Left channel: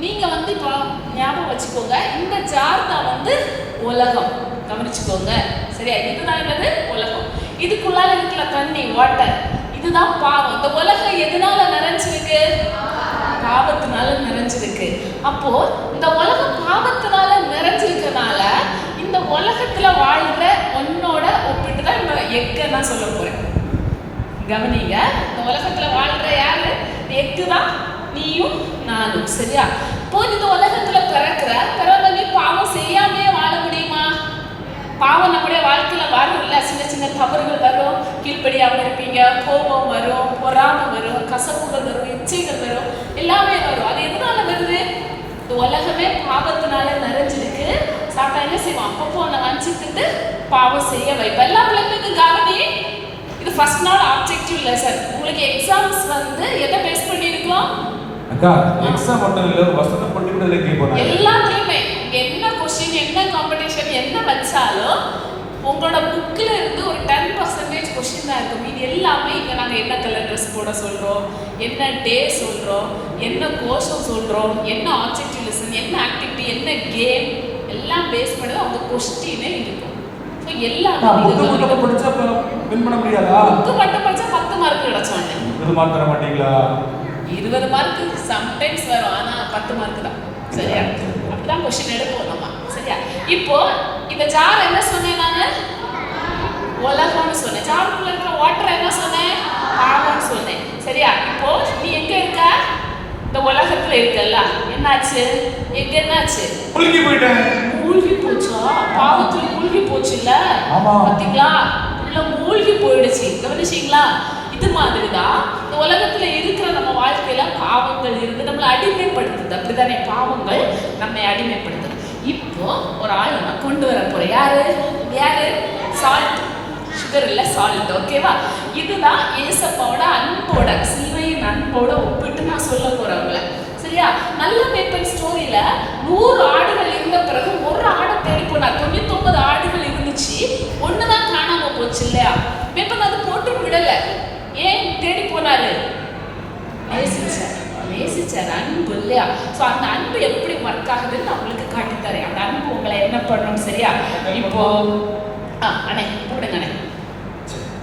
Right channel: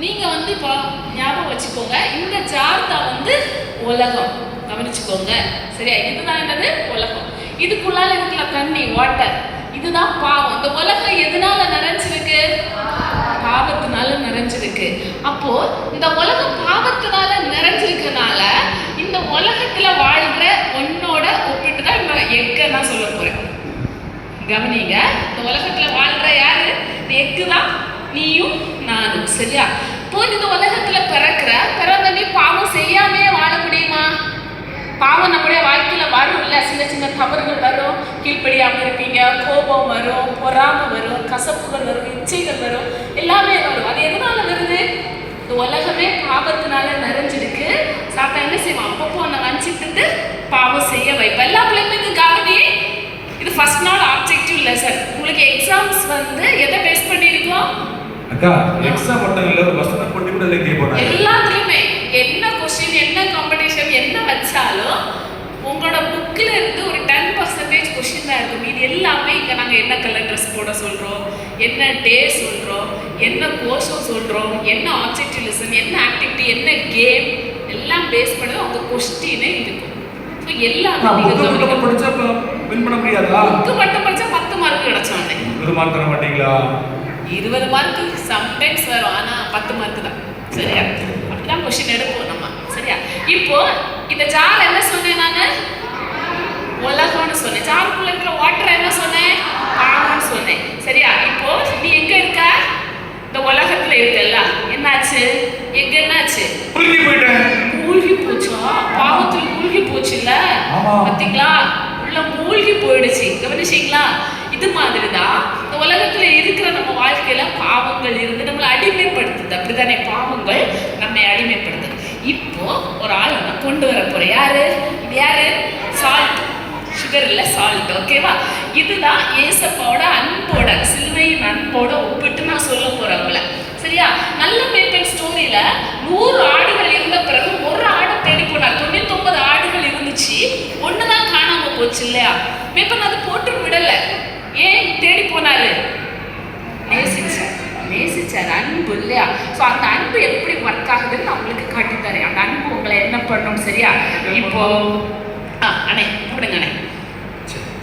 நீங்க வந்து இப்போ ஞாபகம் வச்சுக்கோங்க இந்த ஜார் தான் வந்து உலகம். கவனிச்சுக்கோங்க. சரியா? இதுதான் என்னது? உலகம். இதுக்குள்ளால இருக்கிற தண்ணி வாட்டர் இதுதான் பாவம். இந்த உலகம் எதனால நிறைஞ்சிருக்கு? பாவத்தினால நிறைஞ்சிருக்கு. அப்போ இந்த உலகம் பாவத்தினால நிறைஞ்சிருக்கனால இந்த உலகத்துல வாழ்ற ஒன்னோட ஒப்பிட்டு தான் இந்த எக்க நான் சொல்ல போறேன். கவனிங்க. இந்த உலகத்துல வாழ்ற யாரு? எக்கு தான் நீயும் நானும் சரியா? இப்போ இந்த உலகத்துல பிறக்கிற பிறந்தனே பாவம் செய்யாமே வாழ முடியுமா? பாவம் நம்முடைய வாழ்க்கையில வரும்ல? சின்ன சின்ன தவறுகள் வரும் கீழ்ப்படியாம இருப்பீங்க கோபம் வரும் பொறாமை வரும் கசப்புகள் வரும் இச்சைகள் வரும் எல்லாமே வரும். அது எதனால வருது? இந்த உலகமே பாவத்தினால நிறைஞ்சிருக்கு. சாப்பிட்டா என்ன செய்வோம் அப்பப்போ அந்த வஞ்சித்துட்டு பாவம் செய்ய வைப்பேன் எல்லா பிள்ளைங்களுக்கும் கவனி இது ஃபர்ஸ்ட் நாள் ஆப்ஜெக்டிவ் லெசன் உங்களுக்கு எக்ஸாம்ஸ் வந்து எதை பேஸ் பண்ணியிருக்கோம்? அக்கா எக்ஸாம் மட்டும் இல்ல வசனம் பண்ணிட்டு கேட்போம் எல்லாத்துலயுமே என்ன கொஸ்டின் என்ன காம்படிஷன் என்ன வச்சாலும் உங்களோட புக்கில் இருந்து ஒரு டென் பர்சன்டேஜ் கொஸ்டின் தான் இருக்கும். இது எல்லாமே இங்கே நாங்கள் என்ன கலர் ட்ரெஸ் போட சொல்கிறோம் என்ன டே சொல்கிறோம் என்ன கோஷம் சொல்கிறோம் என்ன ஆப்ஜெக்டிவ் லெசன் என்ன ஆக்டிவிட்டி என்ன கேம் எல்லாம் பேஸ் பண்ணி அவங்க கொஸ்டினே இருக்கும். ஸோ எல்லாமே நீங்கள் மட்டும் படிச்சா வின் பண்ண முடியாதா? புக்கு மட்டும் படிச்சா பத்து மார்க் கிடைச்சோன்னே இது மாதிரி தர மாட்டீங்களா? இருபது மார்க்கு சம்டைம்ஸ் வரும். ஆனால் பத்து மார்க் தான். சரியா? அப்படிதான் கொஸ்டின் எடுப்போம் நம்ம. சரியா? இப்போ இந்த ஜார் என்ன சொன்னேன் நான்? உலகம்னு சொன்னேன். ஜாருக்குள்ள இருக்கிற வாட்டர் என்ன சொன்னேன்? பாவம்னு சொன்னேன். சரியா? இப்போ நீ எங்க இருக்க? இந்த உலகத்துல இருக்கல்ல. என்னாச்சு? எங்க என்னாச்சு? புரிஞ்சு போயிட்டேன். மூழ்கி போச்சா? பாவத்துல மூழ்கி போச்சுல்ல? ஆமா. பாத்தீங்களா? உள்ள மூழ்கி போயிடுச்சு. கவனிச்சீங்களா? இது மாதிரி தான் இந்த உலகத்துல இருக்கிற நம்ம வாழ்க்கையில பாவங்கள் இருந்து நம்மளை அடிமைப்படுத்துது. அப்படிதானே பாவங்கள் நம்மை அடிமைப்படுத்துது. இப்போ ஒரு ஆள் ஒன்று கொண்டு வர போற யாரு? யாரு? சால்ட் சுகர் இல்லை சால்ட் ஓகேவா இதுதான் ஏசப்பாவோட அன்போட சிலுவையின் அன்போட ஒப்பிட்டு நான் சொல்ல போறேன் உங்களை. சரியா? நல்ல மேப்பன் ஸ்டோரியில நூறு ஆடுகள் இருந்த பிறகு ஒரு ஆடை தேடி போனார். தொண்ணூத்தொன்பது ஆடுகள் இருந்துச்சு. ஒண்ணுதான் காணாம போச்சு இல்லையா? மேப்பன் அது போட்டு விடலை ஏன் தேடி போனாரு நேசிச்சார் நேசிச்சார் அன்பு இல்லையா? ஸோ அந்த அன்பு எப்படி ஒர்க் ஆகுதுன்னு நான் உங்களுக்கு காட்டித்தரேன். அந்த அன்பு உங்களை என்ன பண்ணும் சரியா? இப்போ ஆ அண்ணே கூப்பிடுங்க அண்ணே.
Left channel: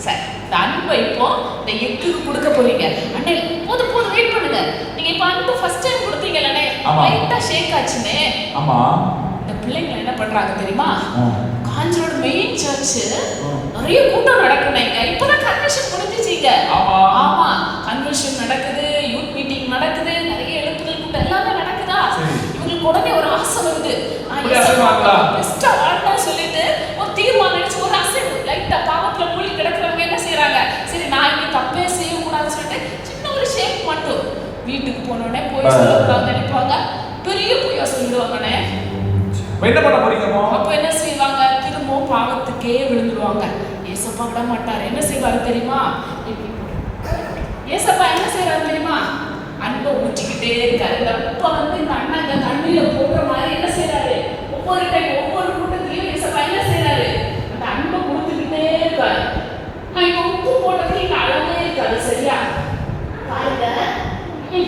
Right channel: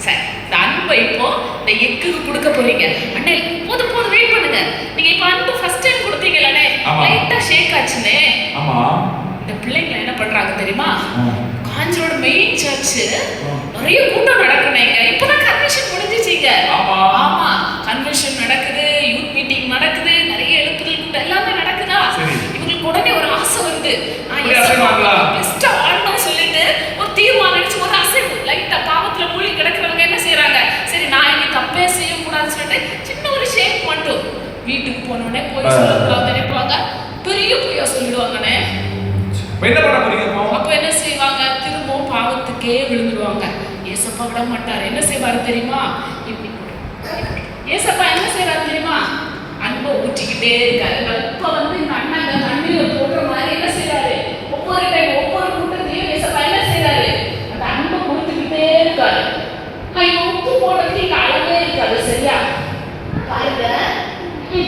சரி இந்த அன்பை இப்போ இந்த எக்குக்கு கொடுக்க போறீங்க. அண்ணே போதும் போதும் வெயிட் பண்ணுங்க. நீங்க இப்போ அன்பு ஃபர்ஸ்ட் டைம் கொடுத்தீங்கல்லண்ணே ஆமா. லைட்டா ஷேக் ஆச்சுனே ஆமா. இந்த பிள்ளைங்க என்ன பண்றாங்க தெரியுமா. காஞ்சரோட மெயின் சர்ச் நிறைய கூட்டம் நடக்குனேங்க. பெஸ்டா சொல்லிட்டு ஒரு அசைவு லைட்டா பாவத்துல மூழ்கி கிடக்குறவங்க என்ன செய்றாங்க? சரி நான் இனி தப்பே செய்யக்கூடாதுன்னு சொல்லிட்டு சின்ன ஒரு ஷேக் மட்டும். வீட்டுக்கு போனோடனே போய். சொல்லுவாங்க நினைப்பாங்க பெரிய பொய்யா சொல்லிடுவாங்கண்ணே என்ன பண்ண போறீங்க இப்போ? அப்ப என்ன செய்வாங்க? திரும்பவும் பாவத்துக்கே விழுந்துருவாங்க. ஏசப்பா விட மாட்டார். என்ன செய்வாரு தெரியுமா. ஏசப்பா என்ன செய்றாரு தெரியுமா? அன்பை ஊற்றிக்கிட்டே இருக்காரு இந்த அப்பா வந்து இந்த அண்ணா இந்த தண்ணியில போடுற மாதிரி என்ன செய்றாரு ஒவ்வொரு டைம் ஒவ்வொரு கூட்டத்திலையும் ஏசப்பா என்ன செய்றாரு அந்த அன்பை கொடுத்துக்கிட்டே இருக்காரு நான் இப்ப உப்பு போடுறதுக்கு இங்க அளவே இருக்காது சரியா பாருங்க ம்,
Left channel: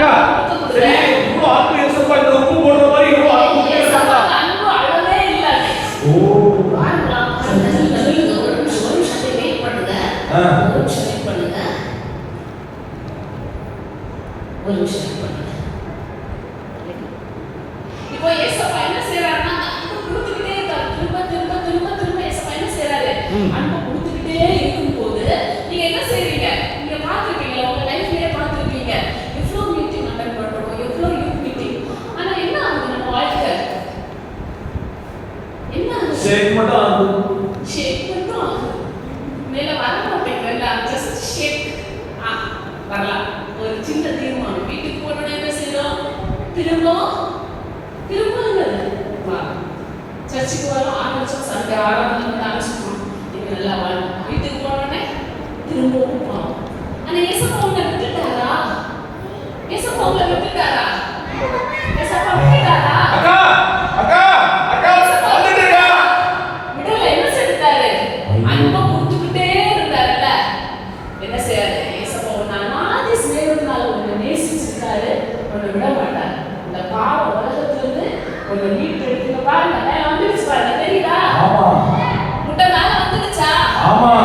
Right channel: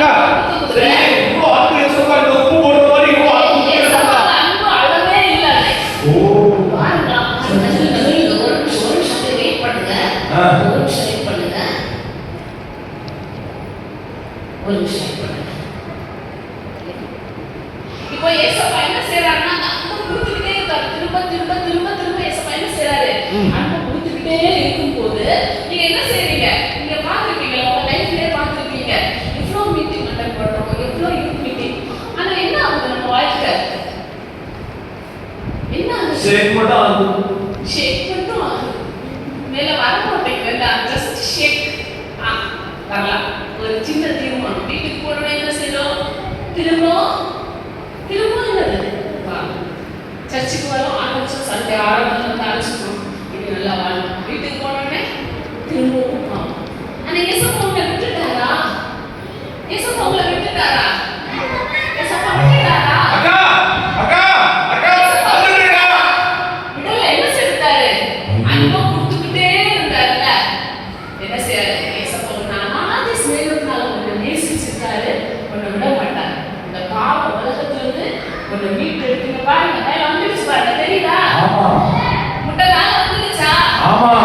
திரும்ப திரும்ப ஏசப்பா என்ன செய்யறாரு ம். அன்பு கொடுத்துக்கிட்டே இருக்கும்போது நீங்க என்ன செய்றீங்க நீங்க பார்த்திருப்பீங்க உங்க லைஃப்லயே பார்த்திருப்பீங்க எவ்வளவு மீட்டிங் அட்டன் பண்றோம் எவ்வளவு யூத் மீட்டிங் ஆனா என்ன ஆகுது நம்ம வாழ்க்கை என்ன ஆகுது ஷேக் மட்டும் அன்பு ஷேக் மட்டும் ஆகுது. மேல வர மாட்டேங்கல ஜஸ்ட் ஷேக் ஆ வரலாம் ஒரு சின்ன தீர்மானம். வீட்டுக்கு போனோட என்ன செய்யணும் திரும்ப திரும்ப என்னது பாவம் சர்ச்சுக்கு வரோம் ஆரம்பிச்சோம் சண்டே ஆரம்பத்தில் ஆரம்பிச்சிட்டோம் இது நல்லா வாழும் வீட்டுக்கு போனோடனே திரும்பவும் பாவம் ஆனா ஏசப்பா உங்களை விட்டுட்டாரா ஏசப்பா உங்களை விட்டுட்டாரா ஏசப்பா விட்டுட்டாரா அக்கா அக்கா அக்கா வந்துடுறா விடல என்ன செஞ்சுட்டாரு அன்பா கொடுத்துக்கிட்டே இருந்தாருல்ல என்ன செய்யறாரு ஏசப்பா உன்னை அனாதி சிநேகத்தினால உன்னை நேசிச்சிருக்காரு உன்னை விட மாட்டார் இந்த பாவ உலகத்துல எடுத்துங்க பாருங்க மேல வந்துருச்சு பாருங்க தெரியுதா? ஆமா. முட்டை மேல வந்துருச்சா? ஆமா.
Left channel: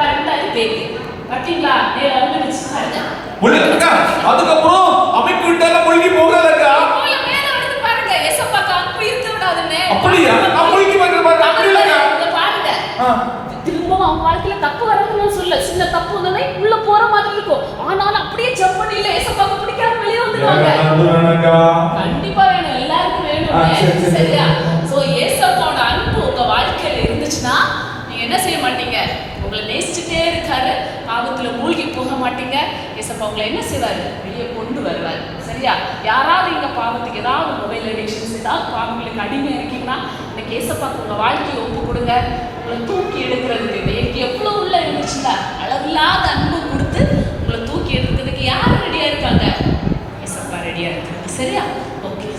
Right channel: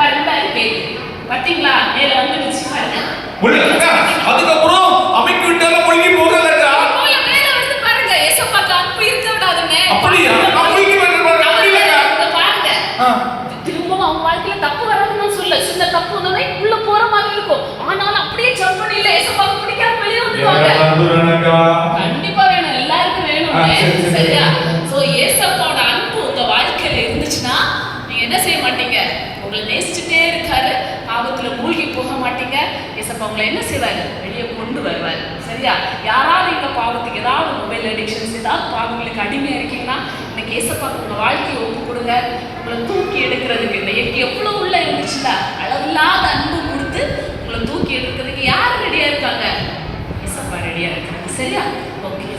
பாருங்க இருக்கு பாத்தீங்களா? மேல வந்துருச்சு பாருங்க. அக்கா அதுக்கப்புறம் அமைக்கு விட்டால மூழ்கி போல மேல வந்து பாருங்க இருக்க விடாதுன்னு. அப்படியா? மூழ்கி வந்து பாருங்க இங்க ஆ. திரும்பவும் அவங்க வாழ்க்கையில தப்பு வரணும்னு சொல்ல சின்ன தப்பு வந்தோடனே உள்ள போற மாதிரி இருக்கும். ஆனாலும் அப்படியே ஜம்ப் பண்ணி இல்ல ஏசப்பாக்கு பிடிக்காம வெளியே வந்துருவாங்க. கண்டிப்பா. சொல்லியிருக்கேன் சரியா ஸோ ஏசப்பாவோட அன்பு உங்க வாழ்க்கையில இருந்துச்சுன்னா நீங்க என்ன செய்ய மாட்டீங்க? உங்களை நேசிச்சுட்டே இருக்காரு. பாவத்துல மூழ்கி போக மாட்டீங்க. ஏசப்பா என்ன செய்வாரு? வெளியே கொண்டு வருவார். சரியா? யாராவது இந்த பாவத்துக்கு ஏதாவது மொபைல் அடிக்ஷன்ஸ் ஏதாவது பாவங்களுக்கு அடிமையா இருக்கீங்கன்னா இன்னைக்கு ஏசப்பா உங்க வாழ்க்கையை ஒப்பு கொடுங்க. உங்களை தூக்கி எடுக்கிறதுக்கு இந்த எனக்கு எவ்வளவு உள்ள இருந்துச்சுல அன்பு கொடுத்து உங்களை தூக்கி எடுக்கிறதுக்கு யார் ரெடியா இருக்காங்க? ஏசப்பா ரெடியா இருக்காங்க சரியா?